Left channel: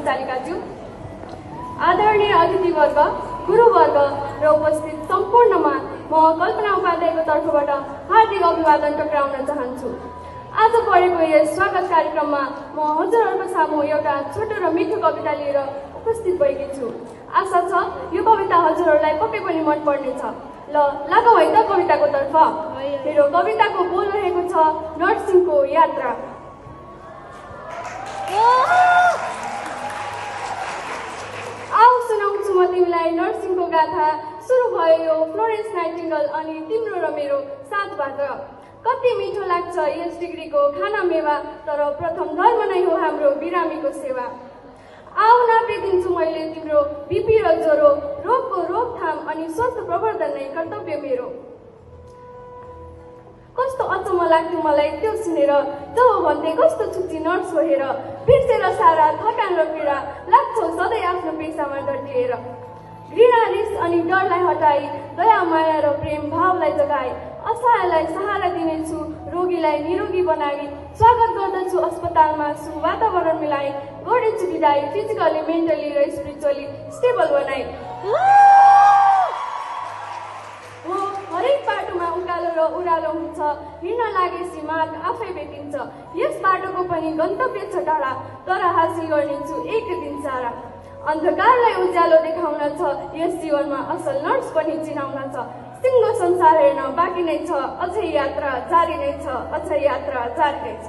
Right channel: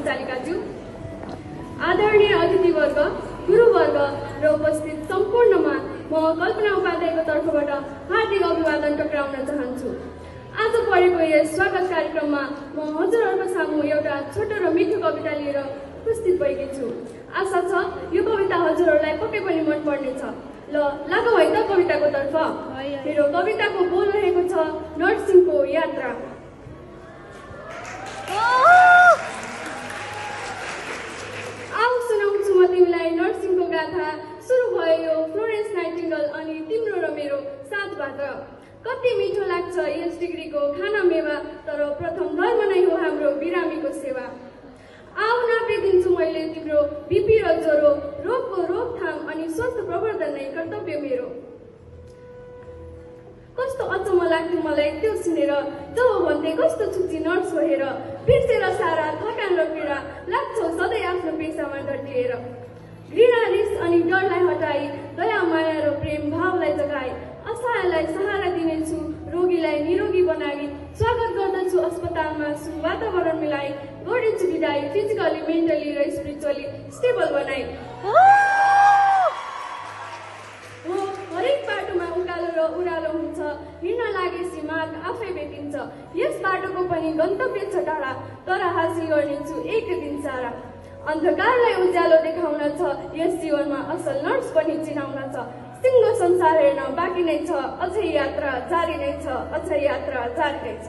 सञ्चालिकाज्यू, आदरणीय अतिथिवर्ग, गुरुवर्ग र उपस्थित सम्पूर्णमा म कल्पना उपाध्यायको तर्फबाट हार्दिक अभिवादन टक्राउन चाहन्छु। आज परेको यस स्वागत कार्यक्रममा म हजुरहरूको सामु एउटा छोटो र मिठो कविता लिएर उपस्थित भएकी छु। आशा छ यो कविता हजुरहरूलाई पक्कै पनि मन पर्नेछ। ल लागौ है त कविताको तर्फ। मेरो कविताको बोल रहेको छ नर्सिङको यात्रा। आऊ सुनाउँछु म तिमीलाई नर्सिङको गाथा। सुरु भयो यो फ्लोरेन्स नाइटिङ्गेल अनि तिम्रो र मेरो साथबाट। कति मिठो लाग्छ यस डिग्रीको खाना मेवा, तर प्रथम धर्म नै हो हाम्रो बिरामीको सेवा। आऊ नापिदिन्छु मैले तिम्रो बिपी र ज्वरो, रोगको रोकथाम अनि स्वास्थ्य प्रवर्धन नै कर्तव्य मेरो। कस्तो अचम्म लाग्थ्यो मलाई त्यो सुनेर, जब भन्थे कस्तो छुच्ची नर्स हो हेर। बिर्सेर सारा थकान र पीडा लाग्छौ सधैँ आफ्नो पेसामा डटिएर। घृणा रिस अनि डरलाई हटाई, दया माया र प्रेम भावलाई जगाई, असहायलाई सहारा दिनेछु, रोगीलाई निरोगी बनाई। स्वागत गर्दछु अस्पतालमा सुवातावरण मिलाई, गर्नेछु विदाई फिजिकली, मेन्टली र स्पिरिचुअली स्टेबल बनाई। हो हरेक बाटोमा उकालो र उरालो हुन्छ, हिँड्न लागेपछि मार्ग आफै भेटिन्छ। यस बाटोको पनि गन्तव्य छ टाढा, तर हासिल गर्नेछु एक दिन सारा। अन्धकारलाई उज्यालो देखाउन छ यस जीवनमा, असल नर्स पनि चिनाउन छ। सिङ्गो संसार हेर्न बाँकी नै छ, अझै यात्रा जारी नै छ, अझै यात्रा जारी नै छ।